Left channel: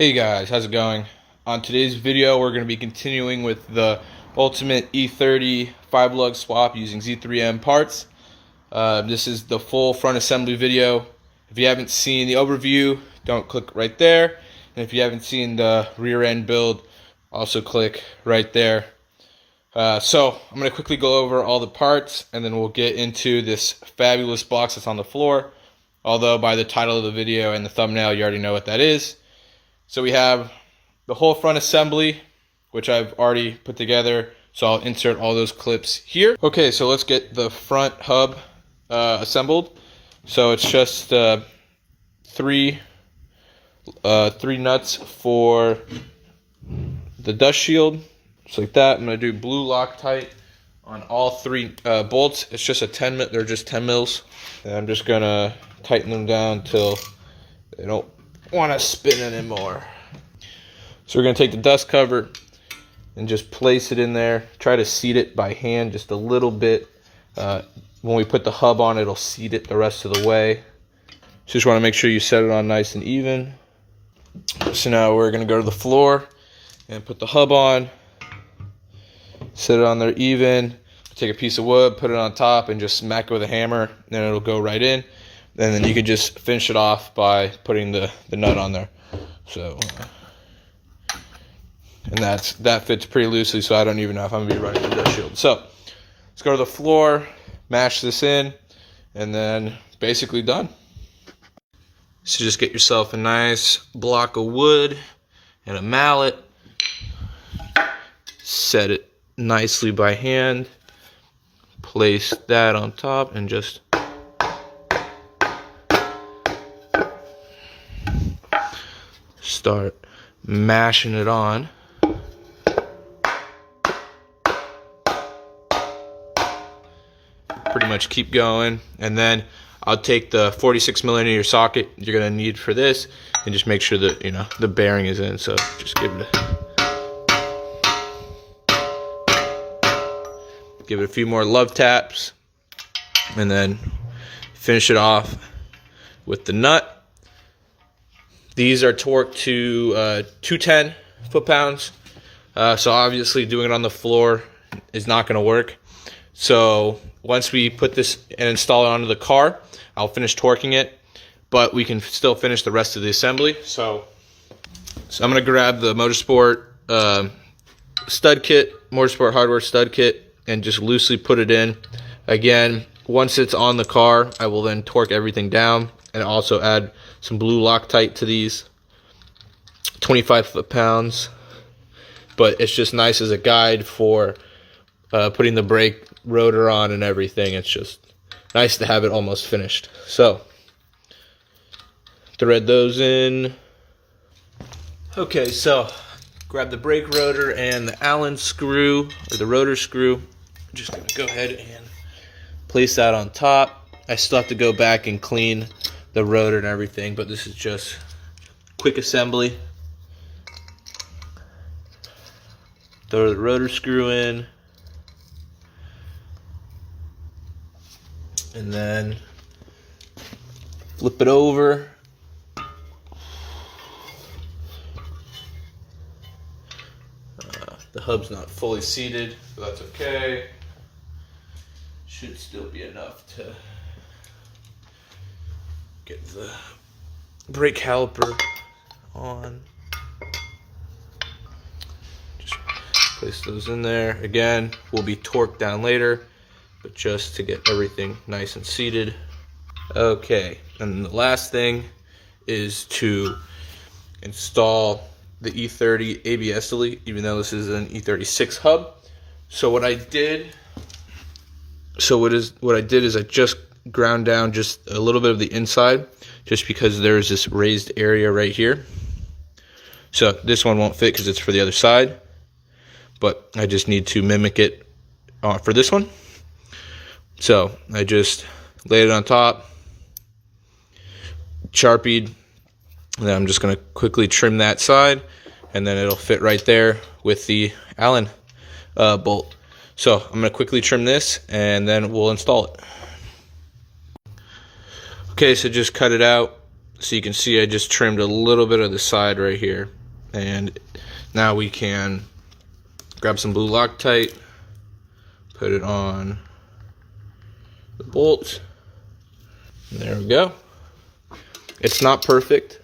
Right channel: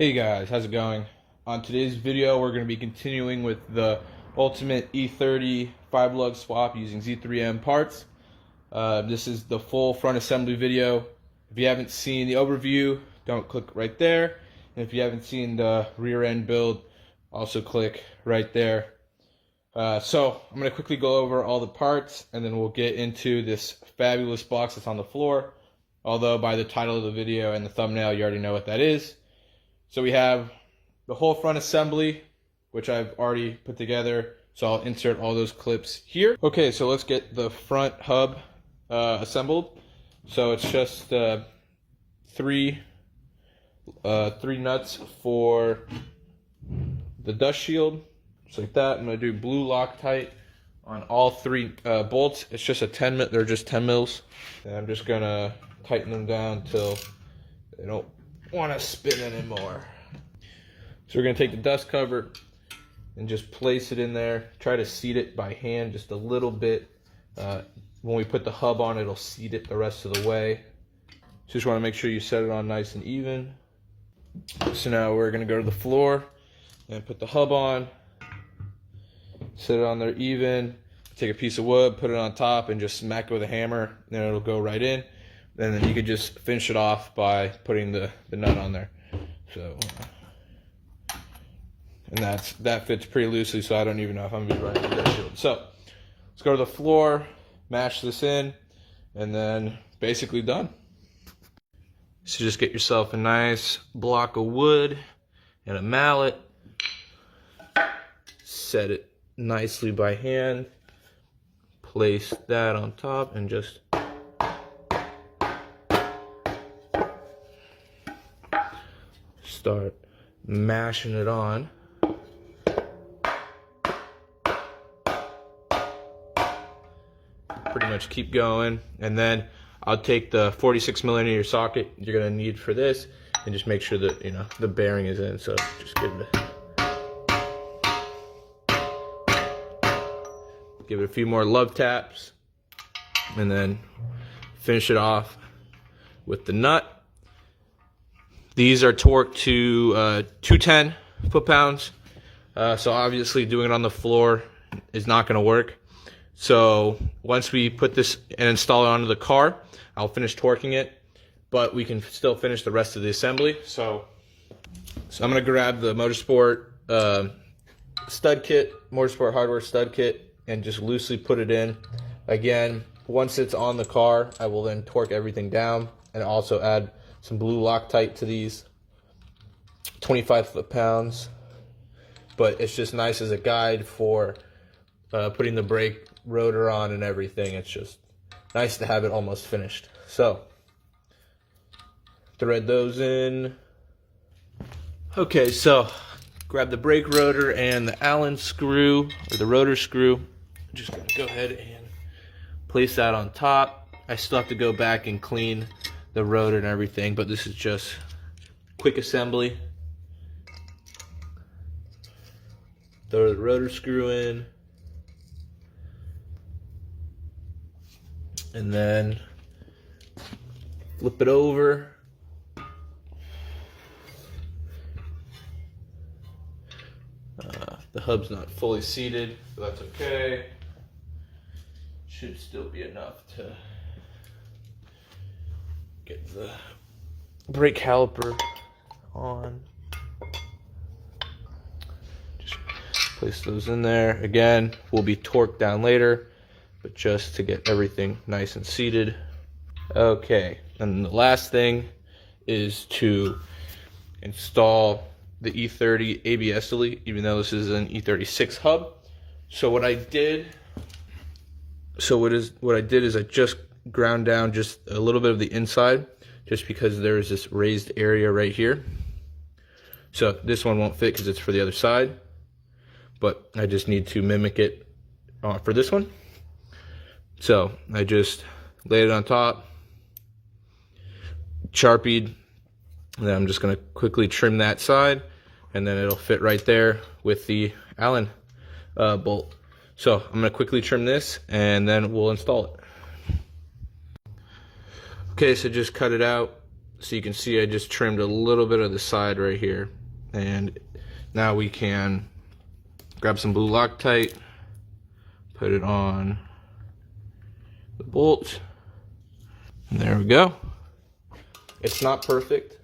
Hey guys, how's it going? On today's video, we're going to be continuing with the ultimate E30 5-lug swap using Z3M parts. This is the full front assembly video. If you haven't seen the overview, don't click right there. And if you haven't seen the rear end build, also click right there. So I'm going to quickly go over all the parts, and then we'll get into this fabulous box that's on the floor. Although by the title of the video and the thumbnail, you already know what that is. So we have the whole front assembly, which I've already put together. So I'll insert all those clips here. Okay, so let's get the front hub assembled. So it's just three nuts for the dust shield, just like that. I'm gonna do blue Loctite on all three bolts. It's just they're just 10 mils. And I'm just gonna tighten them down till they don't want to spin anymore. So we're going to take the dust cover and just place it in there. Try to seat it by hand just a little bit. When we put the hub on, it'll seat it the rest of the way. Just want to make sure you set it on nice and even. So now we're going to go to the floor and put the hub on. Set it on there even. Take a piece of wood, put it on top, and just smack it with a hammer. Then it'll go right in. And then you can just finish it off by putting the nut on there. So, and that fits pretty loosely, so I don't even know if I'm gonna be running the dust shield. So let's go to the floor, mash this in, and then basically done. So just get yourself a nice block of wood and a mallet. Set it nicely by hand. Place that on top and just start mashing it on. Pretty much keep going, and then I'll take the 46mm socket you're gonna need for this and just make sure that the bearing is in. So just give it a few more love taps, and then finish it off with the nut. These are torqued to 210 foot-pounds, so obviously doing it on the floor is not going to work. So once we put this and install it onto the car, I'll finish torquing it, but we can still finish the rest of the assembly. So I'm going to grab the Motorsport stud kit, Motorsport hardware stud kit, and just loosely put it in. Again, once it's on the car, I will then torque everything down and also add some blue Loctite to these. 25 foot-pounds, but it's just nice as a guide for putting the brake rotor on and everything. It's just nice to have it almost finished. So thread those in. Okay, so grab the brake rotor and the Allen screw, or the rotor screw. I'm just gonna go ahead and place that on top. I still have to go back and clean the rotor and everything, but this is just quick assembly. Throw the rotor screw in, and then flip it over. The hub's not fully seated, but that's okay. Should still be enough to get the brake caliper on. Just place those in there. Again, will be torqued down later, but just to get everything nice and seated. Okay, and the last thing is to install the E30 ABS delete, even though this is an E36 hub. So what I did is I just ground down just a little bit of the inside, just because there's this raised area right here. So this one won't fit because it's for the other side, but I just need to mimic it for this one. So I just laid it on top, Sharpied, and then I'm just going to quickly trim that side, and then it'll fit right there with the Allen bolt. So I'm going to quickly trim this, and then we'll install it. Okay, so just cut it out. So you can see I just trimmed a little bit of the side right here. And now we can grab some blue Loctite, put it on the bolt, and there we go. It's not perfect,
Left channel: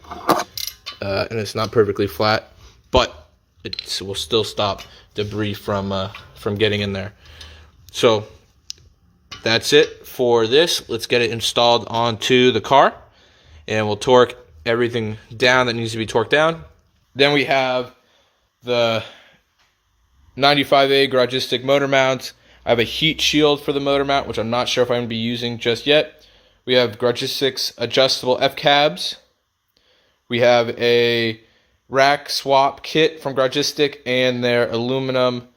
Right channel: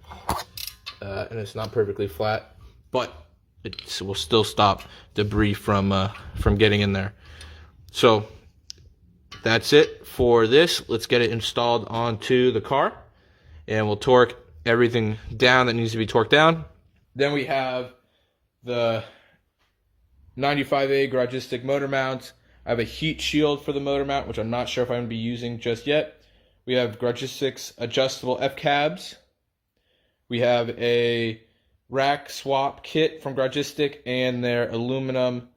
and it's not perfectly flat, but it will still stop debris from getting in there. So that's it for this. Let's get it installed onto the car, and we'll torque everything down that needs to be torqued down. Then we have the 95A garagistic motor mount. I have a heat shield for the motor mount, which I'm not sure if I'm going to be using just yet. We have garagistic adjustable FCABs. We have a rack swap kit from Garagistic and their aluminum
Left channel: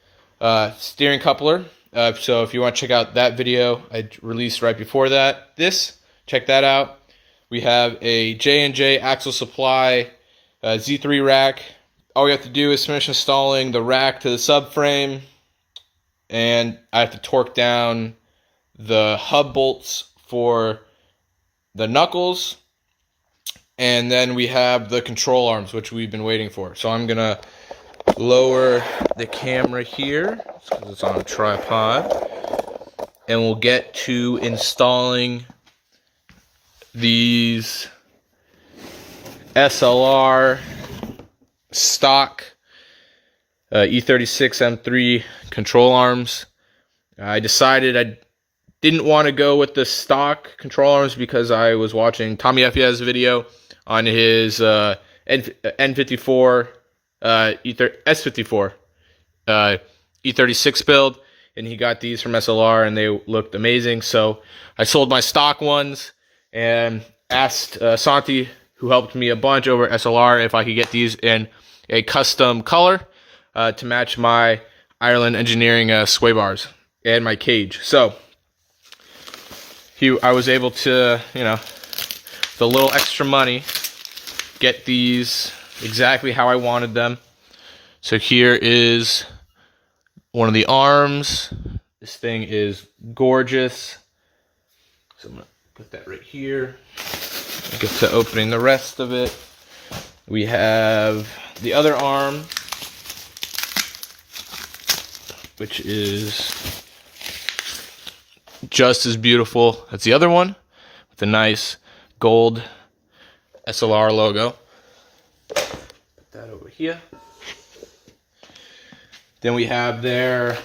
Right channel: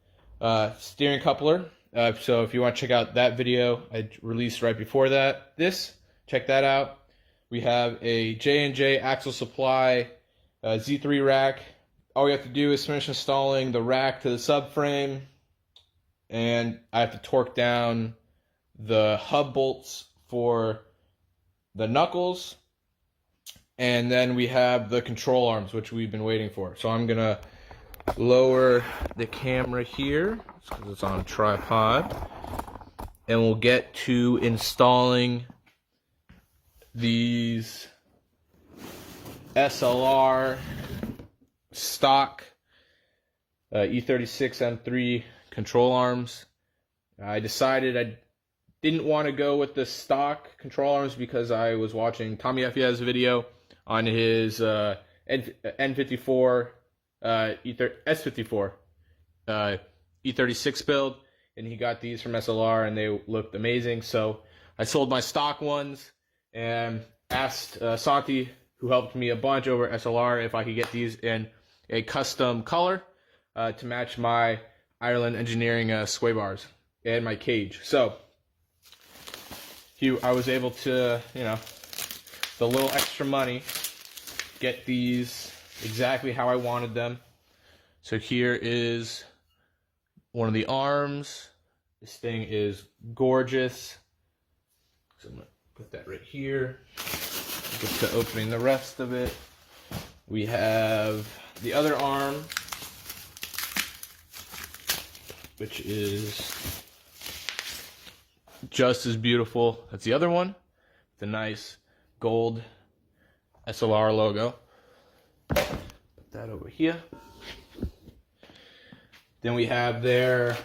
steering coupler. So if you want to check out that video I released right before that, check that out. We have a J&J Axle Supply Z3 rack. All we have to do is finish installing the rack to the subframe, and I have to torque down the hub bolts for the knuckles, and then we have the control arms, which we've been waiting for. So I'm gonna lower the camera here because it's on a tripod, and we'll get to installing these SLR stock E36 M3 control arms. I decided I didn't want to go with the stock control arms because I was watching Tommy Fia's video on his N54 S54 E36 build, and he got these from SLR and they looked amazing. So I sold my stock ones and asked Santi, who helped me a bunch over at SLR, if I could get these in a custom color to match my Ireland Engineering sway bars and my cage. So I was able to, with a little extra money, get these exactly how I wanted them. So here is one of the arms. This thing is gorgeous. So I'm gonna put that right here. Get to opening the rest of it. We have the other arm, which is just as beautiful as the other one, with a nice gold SLR logo. Put that over here. Then we have their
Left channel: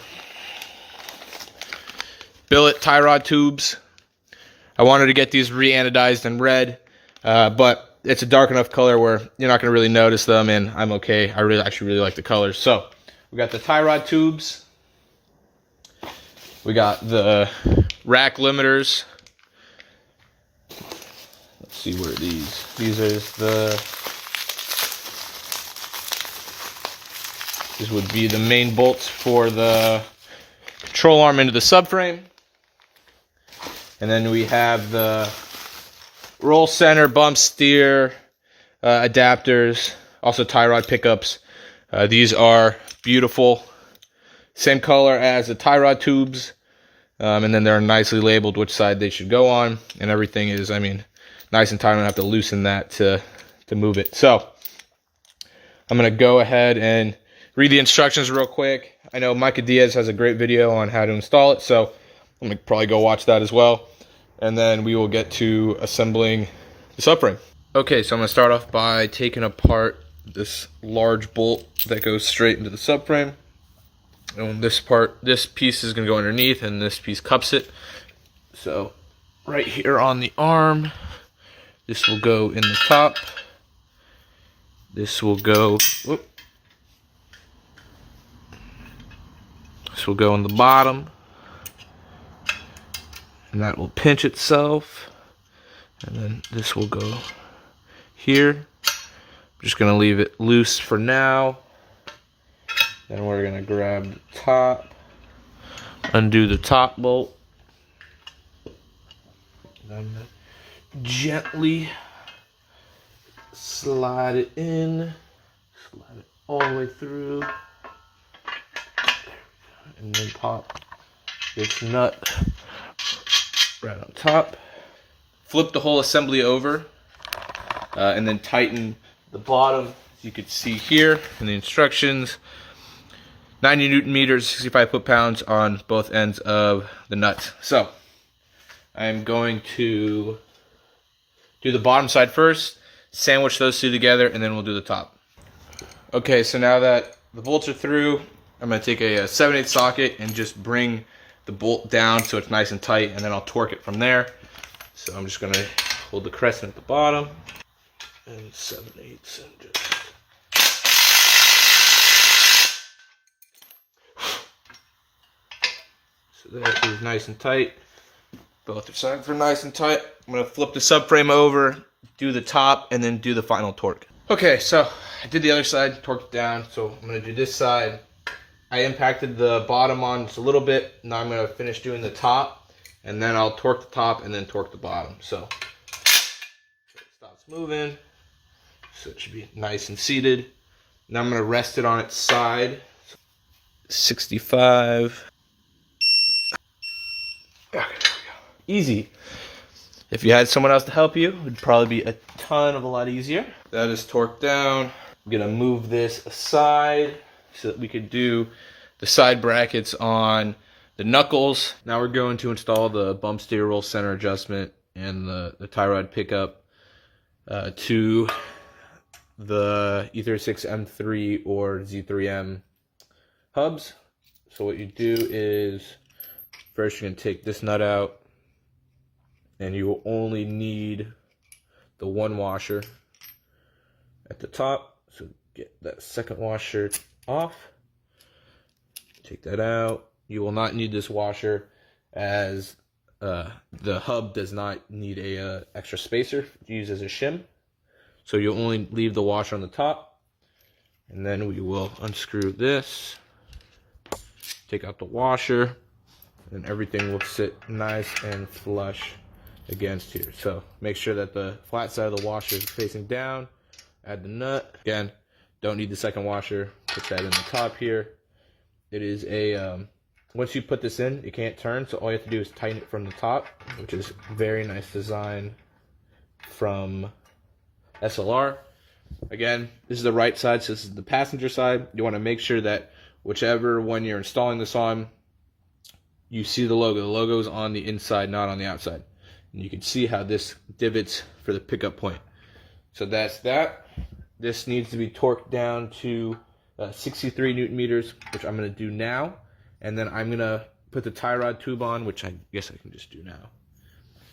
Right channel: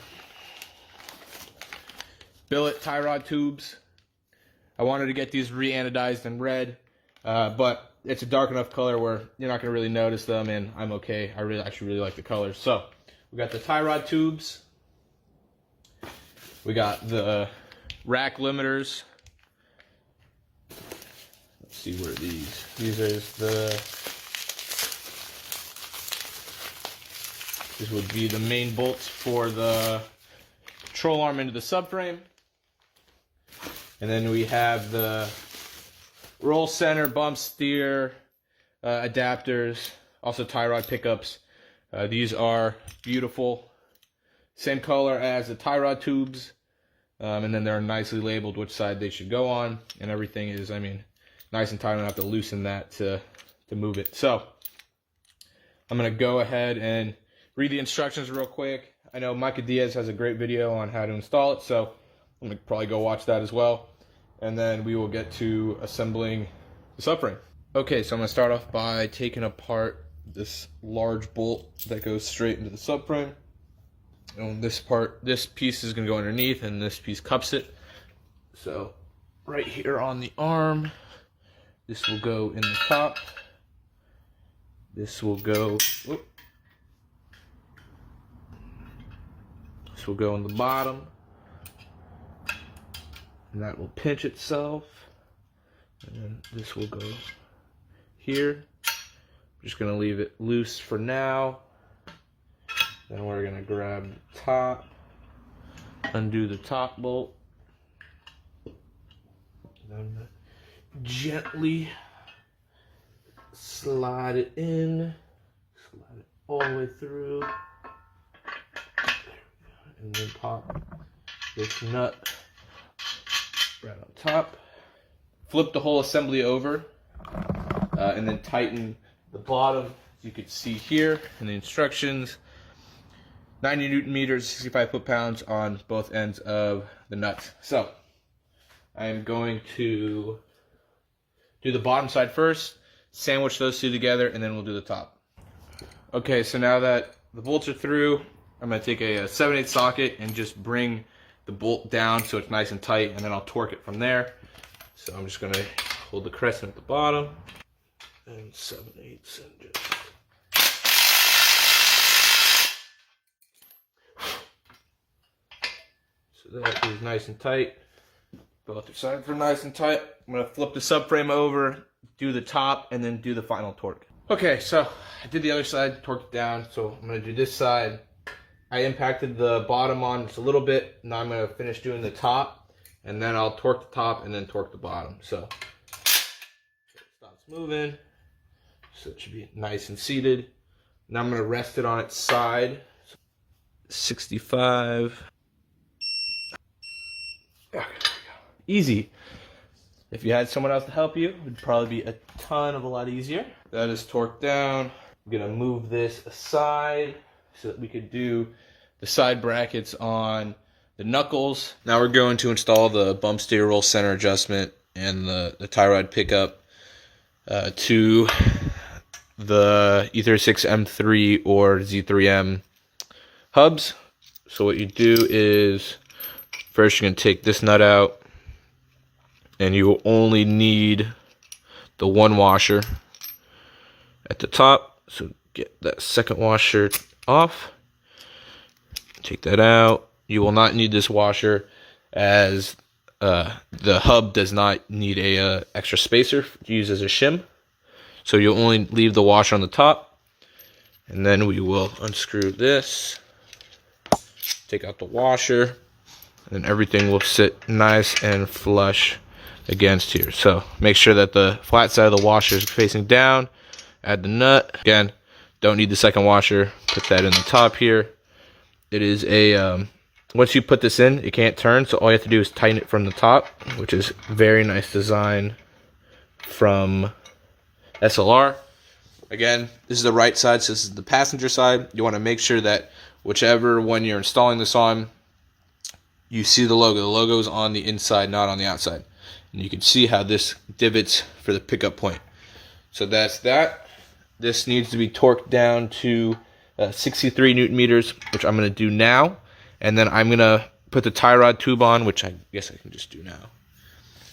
billet tie rod tubes. I wanted to get these re-anodized in red, but it's a dark enough color where you're not going to really notice them, and I'm okay. I actually really like the colors. So we got the tie rod tubes. We got the rack limiters. Let's see where these would be the main bolts for the control arm into the subframe. And then we have the roll center, bump steer, adapters, also tie rod pickups. These are beautiful. Same color as the tie rod tubes. And then they're nicely labeled which side they should go on. And everything is, nice and tight. I don't have to loosen that to move it. So I'm going to go ahead and read the instructions real quick. I know Micah Diaz has a great video on how to install it, so I'm going to probably go watch that as well. And then we will get to assembling the subframe. Okay, so I'm going to start off by taking apart this large bolt that goes straight into the subframe. And this piece is going to go underneath, and this piece cups it. So right here on the arm, this will go in the top. This will go, this will go in the bottom, and that will pinch itself. And then this will go here. I'm just going to leave it loose for now. Then we're going to grab the top, undo the top bolt, and gently slide it in, slide it all the way through, and then pop this nut right on top. Flip the whole assembly over and then tighten the bottom. You could see here in the instructions, 90 Newton meters, 65 foot-pounds on both ends of the nuts. So I'm going to do the bottom side first, sandwich those two together, and then we'll do the top. Okay, so now that the bolts are through, I'm going to take a 7/8 socket and just bring the bolt down so it's nice and tight, and then I'll torque it from there. So I'm just going to hold the crescent at the bottom and 7/8 and just... So that is nice and tight. Both the sides are nice and tight. I'm going to flip the subframe over, do the top, and then do the final torque. Okay, so I did the other side, torqued down. So I'm going to do this side. I impacted the bottom on just a little bit. Now I'm going to finish doing the top, and then I'll torque the top and then torque the bottom. So it stops moving. So it should be nice and seated. Now I'm going to rest it on its side. 65. Okay. Easy. If you had someone else to help you, it would probably be a lot easier. That is torqued down. I'm gonna move this aside so that we could do the side brackets on the knuckles. Now we're going to install the bump steer roll center adjustment and the tie rod pickup to the E36 M3 or Z3M hubs. So what you do is first you're gonna take this nut out, and you will only need the one washer at the top. So get that second washer off. Take that out. You will not need this washer, as the hub does not need a extra spacer to use as a shim. So you'll only leave the washer on the top. And then we will unscrew this, take out the washer, and everything will sit nice and flush against here. So make sure that the flat side of the washer is facing down. Add the nut. Again, don't need the second washer. Put that in the top here. It is a once you put this in, it can't turn, so all you have to do is tighten it from the top, which is very nice design from SLR. Again, this is the right side, so this is the passenger side. You want to make sure that whichever one you're installing this on, you see the logo. The logo is on the inside, not on the outside. And you can see how this divots for the pickup point. So that's that. This needs to be torqued down to 63 Newton meters, which I'm going to do now. And then I'm going to put the tie rod tube on, which I guess I can just do now.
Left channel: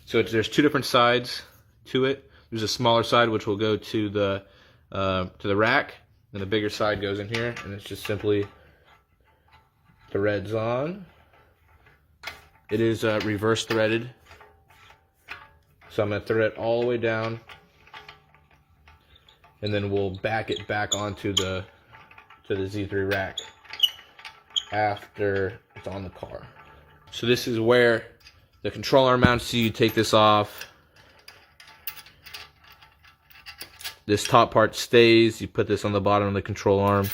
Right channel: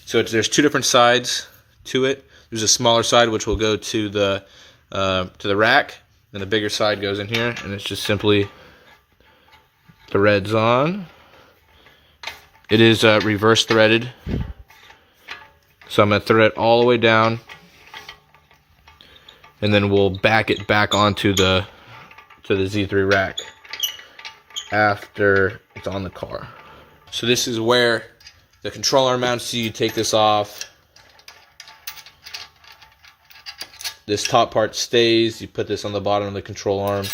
So there's two different sides to it. There's a smaller side, which will go to the rack. And the bigger side goes in here. And it's just simply threads on. It is reverse threaded. So I'm going to thread it all the way down, and then we'll back it back onto the Z3 rack after it's on the car. So this is where the control arm mounts. So you take this off. This top part stays. You put this on the bottom of the control arm,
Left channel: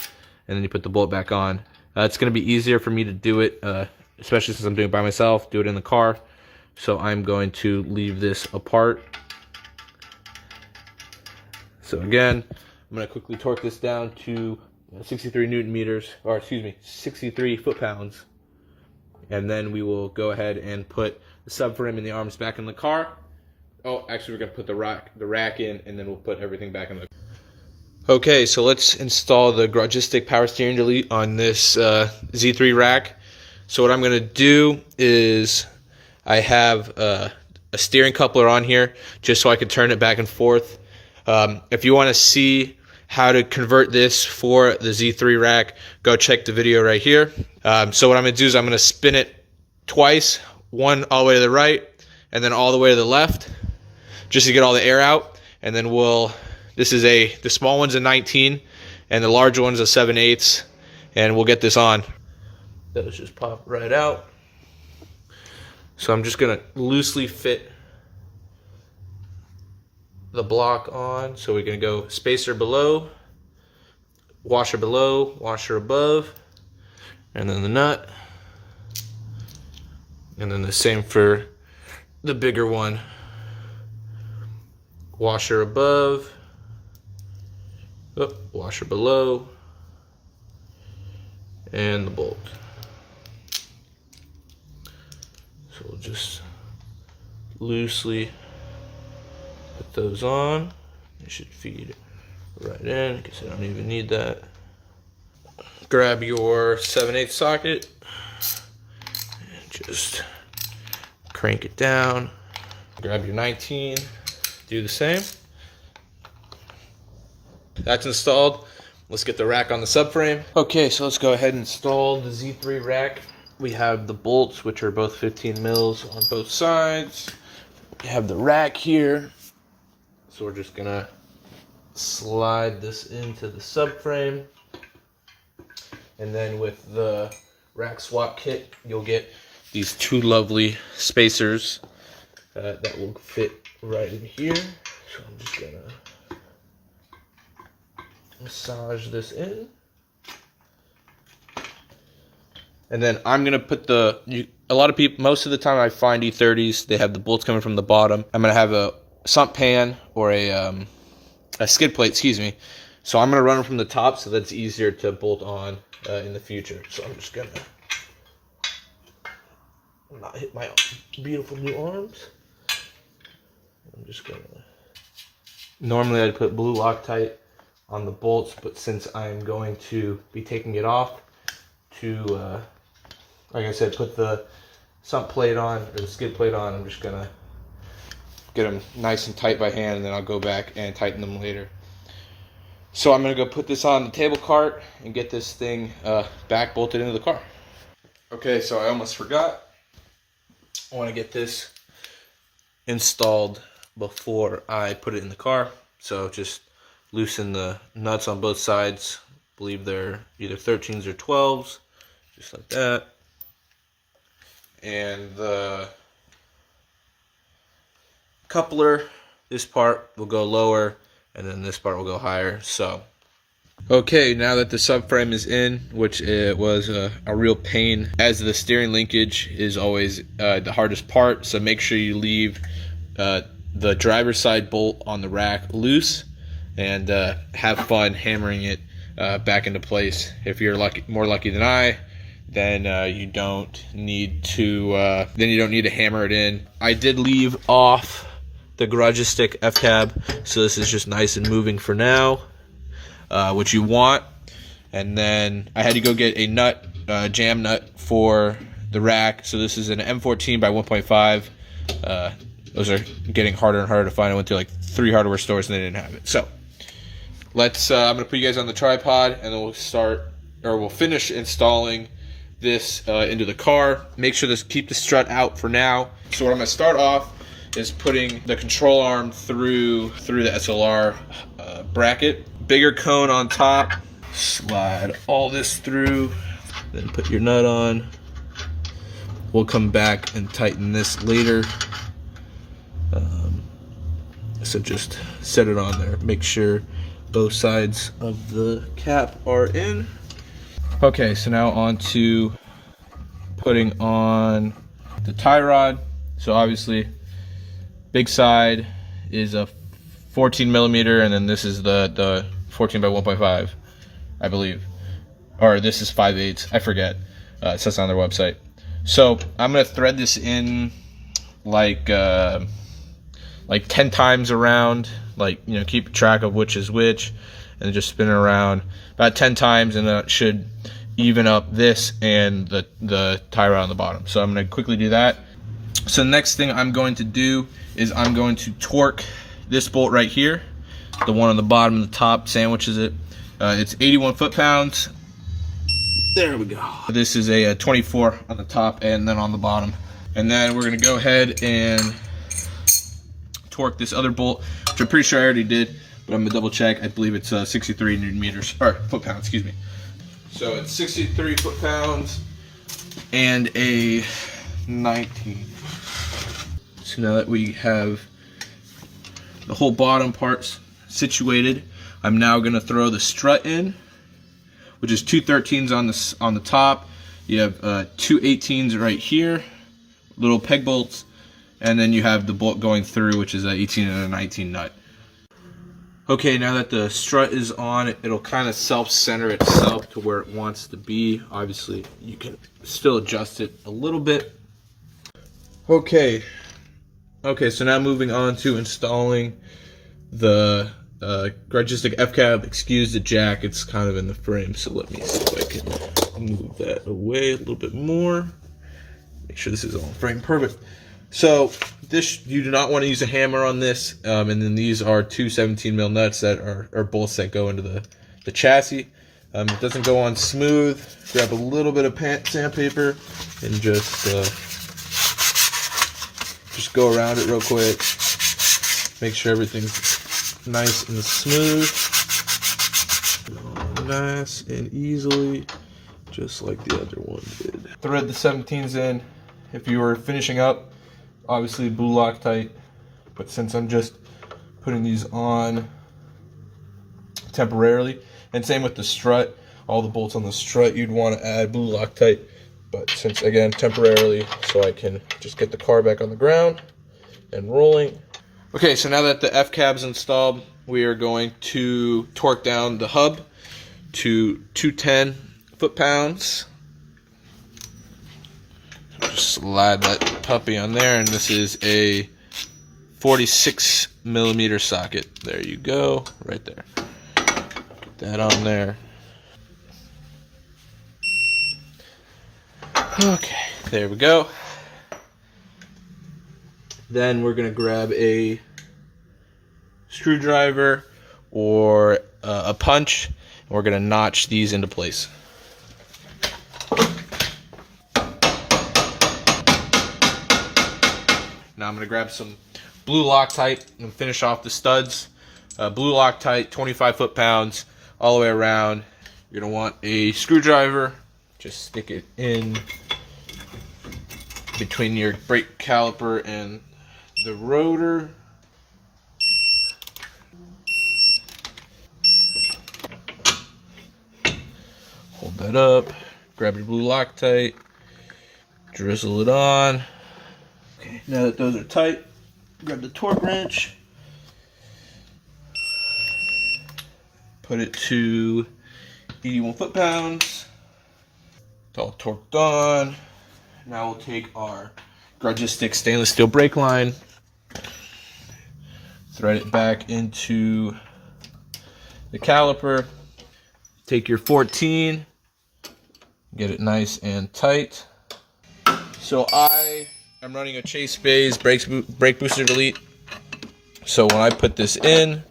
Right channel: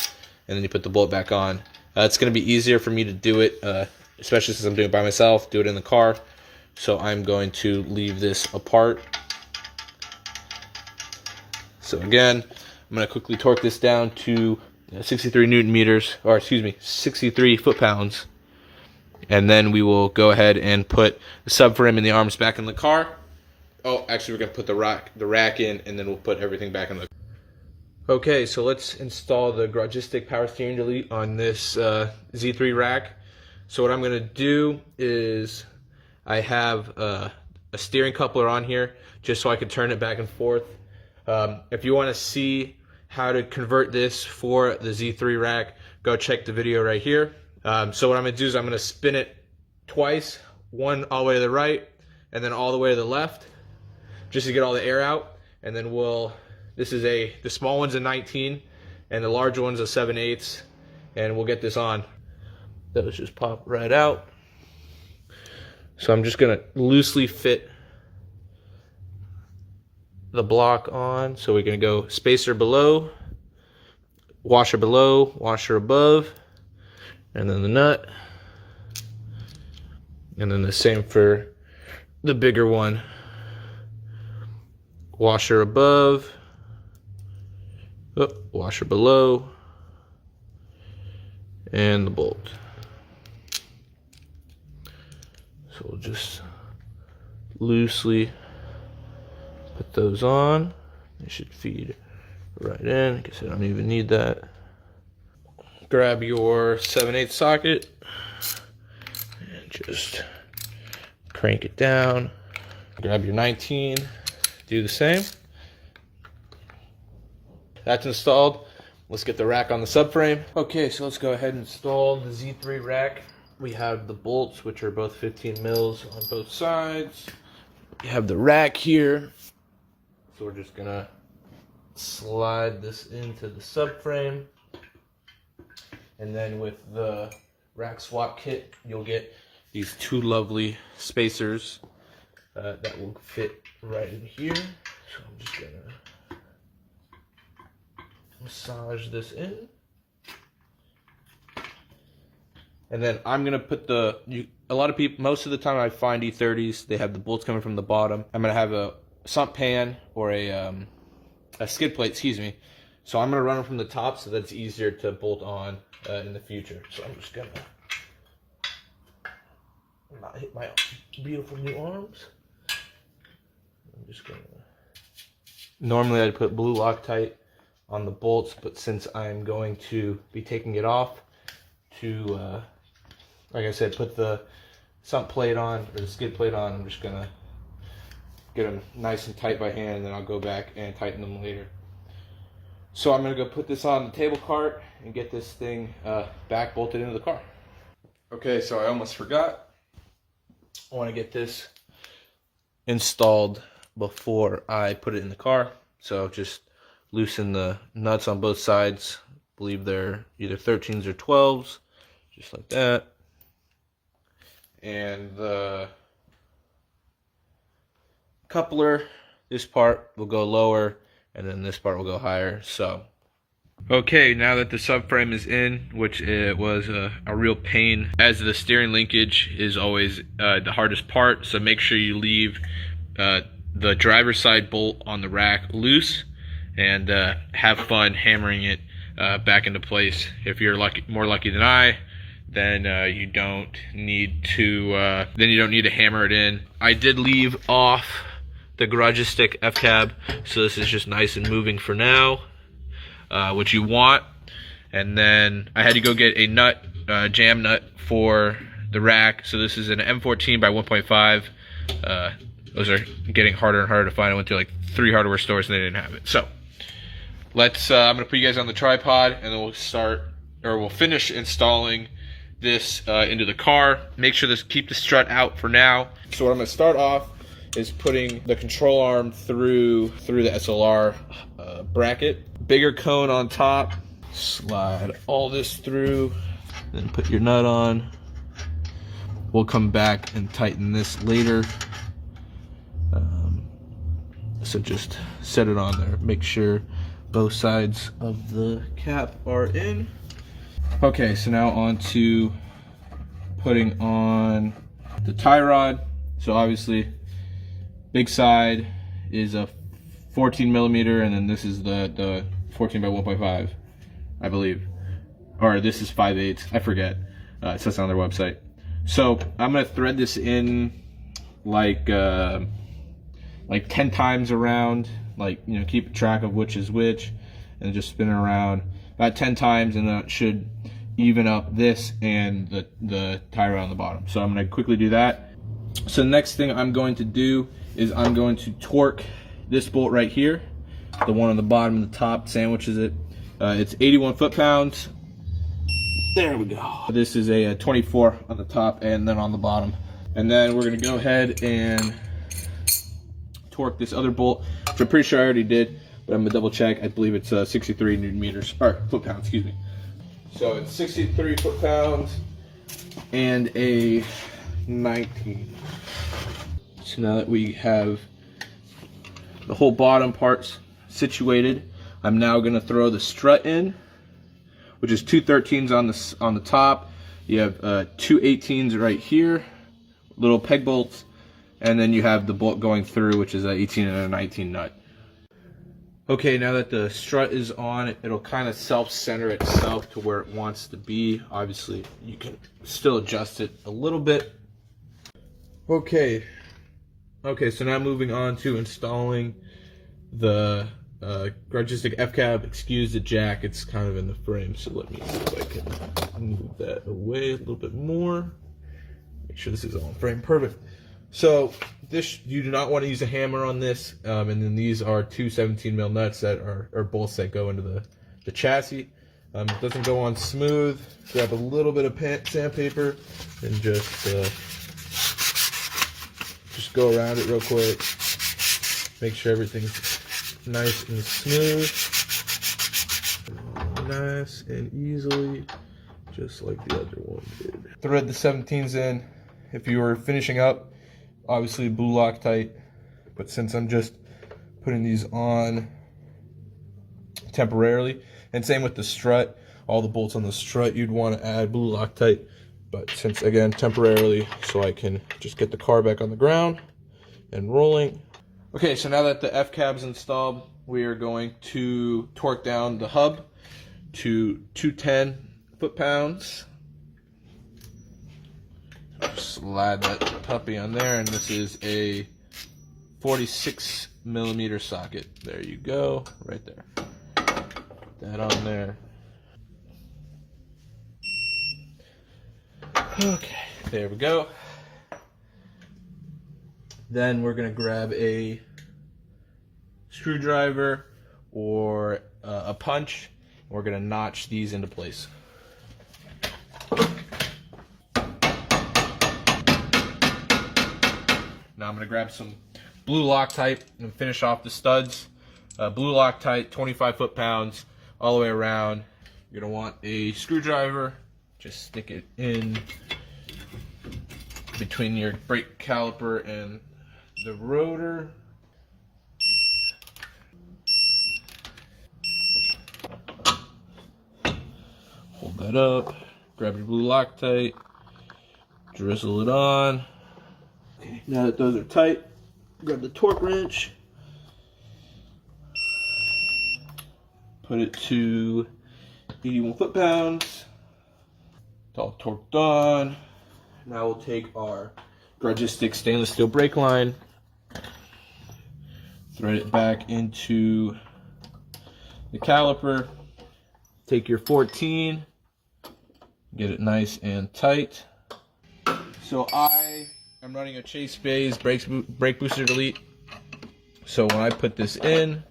and then you put the bolt back on. It's going to be easier for me to do it, especially since I'm doing it by myself, do it in the car. So I'm going to leave this apart. So again, I'm going to quickly torque this down to 63 Newton meters, or excuse me, 63 foot-pounds. And then we will go ahead and put the subframe and the arms back in the car. Oh, actually we're going to put the rack in, and then we'll put everything back in the car. Okay, so let's install the Garage power steering delete on this Z3 rack. So what I'm going to do is I have a steering coupler on here just so I can turn it back and forth. If you want to see how to convert this for the Z3 rack, go check the video right here. So what I'm going to do is I'm going to spin it twice, one all the way to the right and then all the way to the left, just to get all the air out. And then the small one's a 19 and the larger one's a 7/8, and we'll get this on. Those just pop right out. So I'm just gonna loosely fit the block on, so we can go spacer below, washer above, and then the nut, and then the same for the bigger one, washer above, Oh, washer below. And the bolt. So we'll just loosely put those on. It should feed right in. I guess I don't even need that. Grab your 7/8 socket and just crank it down. Grab your 19, do the same. That's installed. Let's get the rack on the subframe. Okay, so let's go ahead and install the Z3 rack. We have the bolts, which are both 15 mils on both sides. We have the rack here. So we're just gonna slide this into the subframe. And then with the rack swap kit, you'll get these two lovely spacers that will fit right in here. So I'm just gonna massage this in. And then I'm gonna put a lot of people, most of the time I find E30s, they have the bolts coming from the bottom. I'm gonna have a sump pan or a skid plate, excuse me. So I'm gonna run them from the top so that's easier to bolt on in the future. So I'm just gonna not hit my beautiful new arms. I'm just gonna, normally I'd put blue Loctite on the bolts, but since I'm going to be taking it off to, like I said, put the sump plate on, or the skid plate on, I'm just gonna get them nice and tight by hand, and then I'll go back and tighten them later. So I'm gonna go put this on the table cart and get this thing back bolted into the car. Okay, so I almost forgot. I wanna get this installed before I put it in the car. So just loosen the nuts on both sides. I believe they're either 13s or 12s, just like that. And the coupler, this part will go lower, and then this part will go higher. So, okay, now that the subframe is in, which it was a real pain, as the steering linkage is always the hardest part, so make sure you leave the driver's side bolt on the rack loose, and have fun hammering it back into place. If you're more lucky than I, then you don't need to hammer it in. I did leave off the garage stick FCAB, so this is just nice and moving for now, which you want. And then I had to go get a nut, jam nut for the rack. So this is an M14 by 1.5. Those are getting harder and harder to find. I went to like 3 hardware stores and they didn't have it. So let's, I'm gonna put you guys on the tripod, and then we'll finish installing this into the car. Make sure to keep the strut out for now. So what I'm gonna start off is putting the control arm through the SLR bracket. Bigger cone on top. Slide all this through, then put your nut on. We'll come back and tighten this later. So just set it on there. Make sure both sides of the cap are in. Okay, so now on to putting on the tie rod. So obviously, big side is a 14 millimeter, and then this is the 14 by 1.5, I believe. Or this is 5/8, I forget. It says on their website. So I'm gonna thread this in like 10 times around, like, you know, keep track of which is which, and just spin it around about 10 times, and that should even up this and the tie rod on the bottom. So I'm gonna quickly do that. So the next thing I'm going to do is I'm going to torque this bolt right here. The one on the bottom and the top sandwiches it. It's 81 foot-pounds. There we go. This is a 24 on the top and then on the bottom. And then we're gonna go ahead and torque this other bolt, which I'm pretty sure I already did, but I'm gonna double check. I believe it's 63 Newton meters, or foot-pounds, excuse me. So it's 63 foot-pounds and a 19. So now that we have the whole bottom parts situated, I'm now gonna throw the strut in, which is 2 13s on the top. You have 2 18s right here, little peg bolts, and then you have the bolt going through, which is an 18 and a 19 nut. Okay, now that the strut is on, it'll kind of self-center itself to where it wants to be. Obviously, you can still adjust it a little bit. Okay, so now moving on to installing the Gradistic FCAB. Excuse the jack, it's kind of in the frame, so let me see if I can move that away a little bit more. Make sure this is all in frame. Perfect. So this, you do not want to use a hammer on this, and then these are two 17mm nuts that are bolts that go into the chassis. It doesn't go on smooth. Grab a little bit of sandpaper and just go around it real quick. Make sure everything's nice and smooth, nice and easily, just like the other one did. Thread the 17s in. If you were finishing up, obviously blue Loctite, but since I'm just putting these on temporarily, and same with the strut, all the bolts on the strut, you'd want to add blue Loctite, but since, again, temporarily, so I can just get the car back on the ground and rolling. Okay, so now that the FCAB is installed, we are going to torque down the hub to 210 foot-pounds. Just slide that puppy on there, and this is a 46mm socket. There you go, right there. Get that on there. Okay, there we go. Then we're gonna grab a screwdriver or a punch, and we're gonna notch these into place. Now I'm going to grab some blue Loctite and finish off the studs. Blue Loctite, 25 foot-pounds, all the way around. You're going to want a screwdriver. Just stick it in between your brake caliper and the rotor. Hold that up. Grab your blue Loctite. Drizzle it on. Okay, now that those are tight, grab the torque wrench, put it to 81 foot-pounds. It's all torqued on. Now we'll take our Gradistic stainless steel brake line, thread it back into the caliper, take your 14, get it nice and tight. So I'm running a Chase Bays brake booster delete. So when I put this in,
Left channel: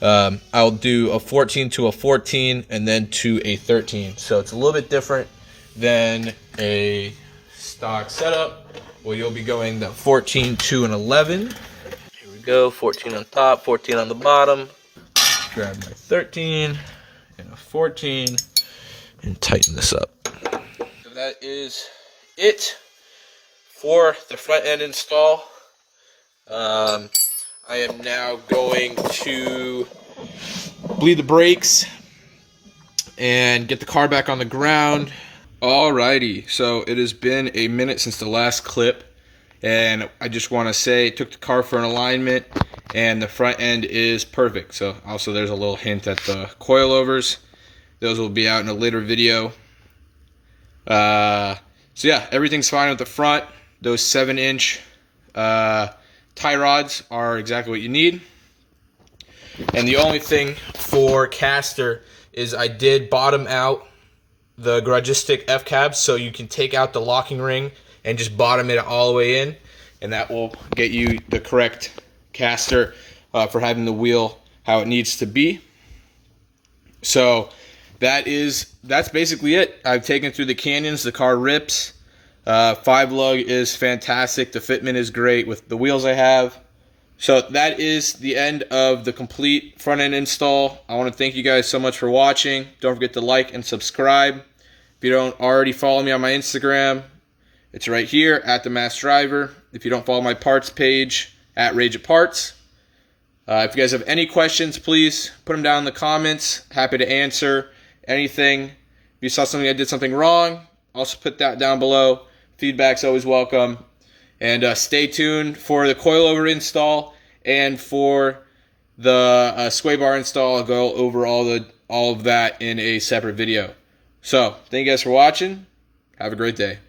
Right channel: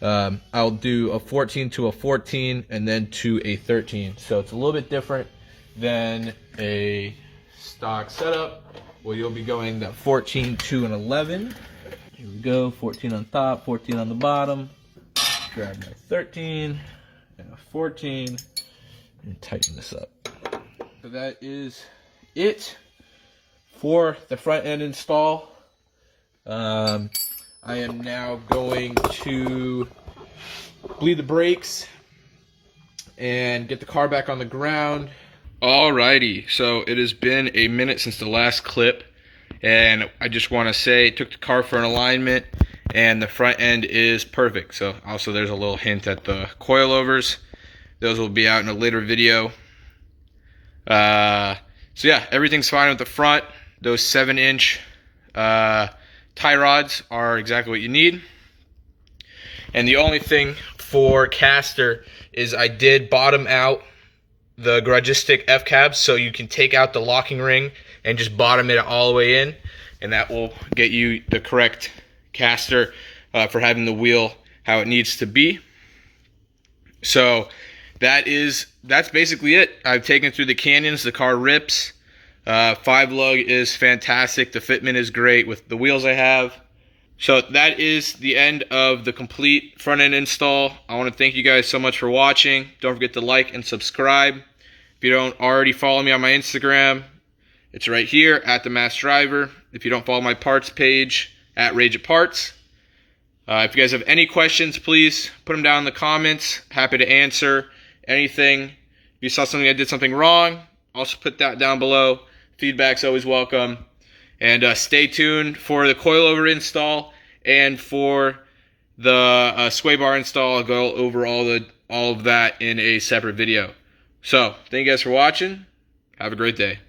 I'll do a 14 to a 14 and then to a 13. So it's a little bit different than a stock setup where you'll be going the 14 to an 11. Here we go, 14 on top, 14 on the bottom. Grab my 13 and a 14 and tighten this up. So that is it for the front end install. I am now going to bleed the brakes and get the car back on the ground. Alrighty, so it has been a minute since the last clip, and I just want to say, took the car for an alignment, and the front end is perfect. So also there's a little hint at the coilovers. Those will be out in a later video. So yeah, everything's fine with the front. Those 7-inch tie rods are exactly what you need. And the only thing for caster is I did bottom out the Gradistic FCAB, so you can take out the locking ring and just bottom it all the way in, and that will get you the correct caster for having the wheel how it needs to be. So that's basically it. I've taken through the canyons. The car rips. 5-lug is fantastic. The fitment is great with the wheels I have. So that is the end of the complete front end install. I want to thank you guys so much for watching. Don't forget to like and subscribe. If you don't already follow me on my Instagram, it's right here at The Masked Driver. If you don't follow my parts page, at Rage It Parts. If you guys have any questions, please put them down in the comments. Happy to answer anything. If you saw something I did something wrong, also put that down below. Feedback's always welcome. And stay tuned for the coilover install and for the sway bar install. I'll go over all of that in a separate video. So, thank you guys for watching. Have a great day.